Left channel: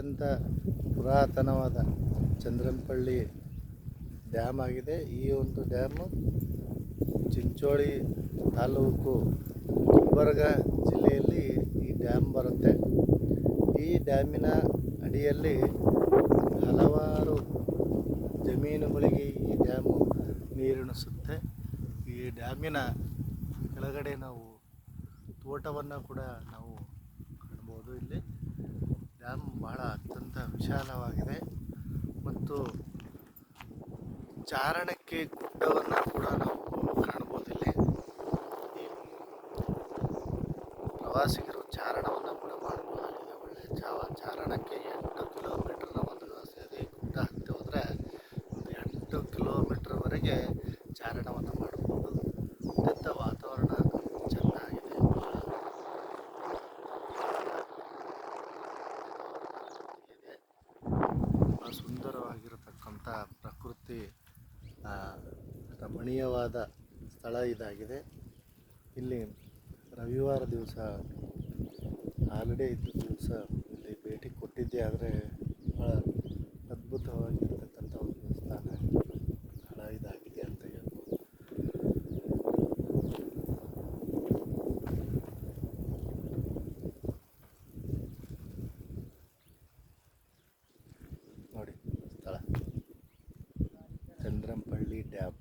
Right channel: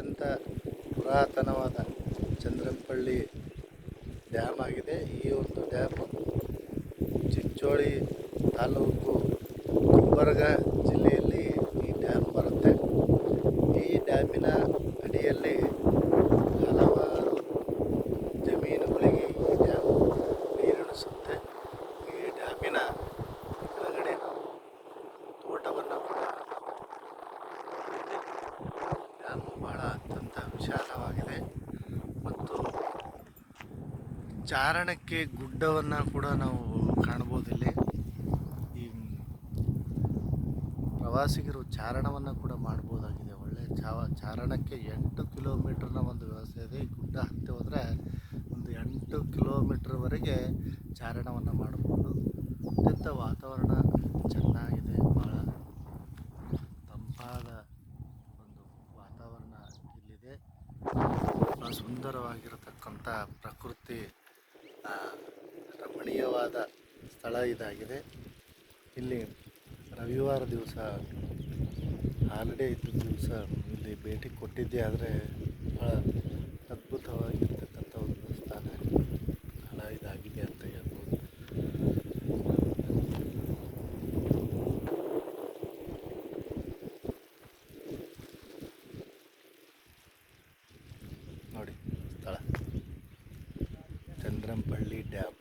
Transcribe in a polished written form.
ಅತ್ಯಂತ ಪುರಾತನವಾದ ಚಂದ್ರಂಪಳ್ಳಿ ಡ್ಯಾಮ್ ಆಗಿದೆ. ಈ ಒಂದು ಡ್ಯಾಮು ಚಿಂಚೋಳಿ ತಾಲೂಕು ಗುಲ್ಬರ್ಗ ಜಿಲ್ಲೆಯಲ್ಲಿ ಈ ಡ್ಯಾಮ್ ಬರುತ್ತೆ. ಈ ಡ್ಯಾಮಿನ ಅಡಿಯಲ್ಲಿ ಹಲವಾರು ಜಮೀನುಗಳಿಗೆ ಈ ಡ್ಯಾಮು ನೀರುಣಿಸುತ್ತೆ. ಈ ಡ್ಯಾಮಿನ ಕೆಳಗಡೆ ನಾವು ತೋಟವನ್ನು ಕೂಡ ನಾವು ನೋಡಲಿದೆ. ಡ್ಯಾಮು ಬಹಳ ಅತ್ಯಂತ ವಿಶಾಲವಾಗಿದೆ ಮತ್ತು ಚಾರಣಕ್ಕೆ ಗುಡ್ಡವನ್ನು ಕೂಡ ನಾವು ಕಾಣ್ಬೋದಿಲ್ಲಿ. ಈ ಪ್ರವಾಸಿಗರು ಚಾರಣವನ್ನು ಕೂಡ ಮಾಡ್ಬೋದಾಗಿದೆ. ಒಳ್ಳೆಯ ಚಾರಣಕ್ಕೆ 8 ಕಿಲೋಮೀಟರ್ನ ಒಂದು ವ್ಯವಸ್ಥೆ ಇದೆ. ಈ ಗುಡ್ಡ ಹತ್ತಿ ಹೋದರೆ ಒಂದು 8 ಕಿಲೋಮೀಟರ್ವರೆಗೆ ಚಾರಣವನ್ನು ಮಾಡ್ಬೋದು. ಅತ್ಯಂತ ವಾತಾವರಣ ಚೆನ್ನಾಗಿದೆ. ಇಲ್ಲಿದೆ ಬಹಳ ಸುಂದರವಾಗಿರತಕ್ಕಂಥ ಪ್ರಕೃತಿ ರಮಣೀಯವಾದ ಸ್ಥಳ ಇದಾಗಿದೆ. ಇಲ್ಲಿ ರವಿವಾರ ದಿವಸ ಹಾಲಿಡೇ ಇದ್ದ ದಿವಸ ಇಲ್ಲಿ ಭೇಟಿ ಕೊಟ್ಟಿದ್ದೆ. ಆದರೆ ಭಾಳ ಅದ್ಭುತವಾಗಿರ್ತಕ್ಕಂಥ ಒಂದು ಸ್ಥಳ ಇದಾಗಿದೆ ಅಂತ ಹೇಳ್ಬೋದು. ನೋಡಿ ಸ್ಥಳ ಚಂದ್ರಂಪಳ್ಳಿ ಡ್ಯಾಮ್.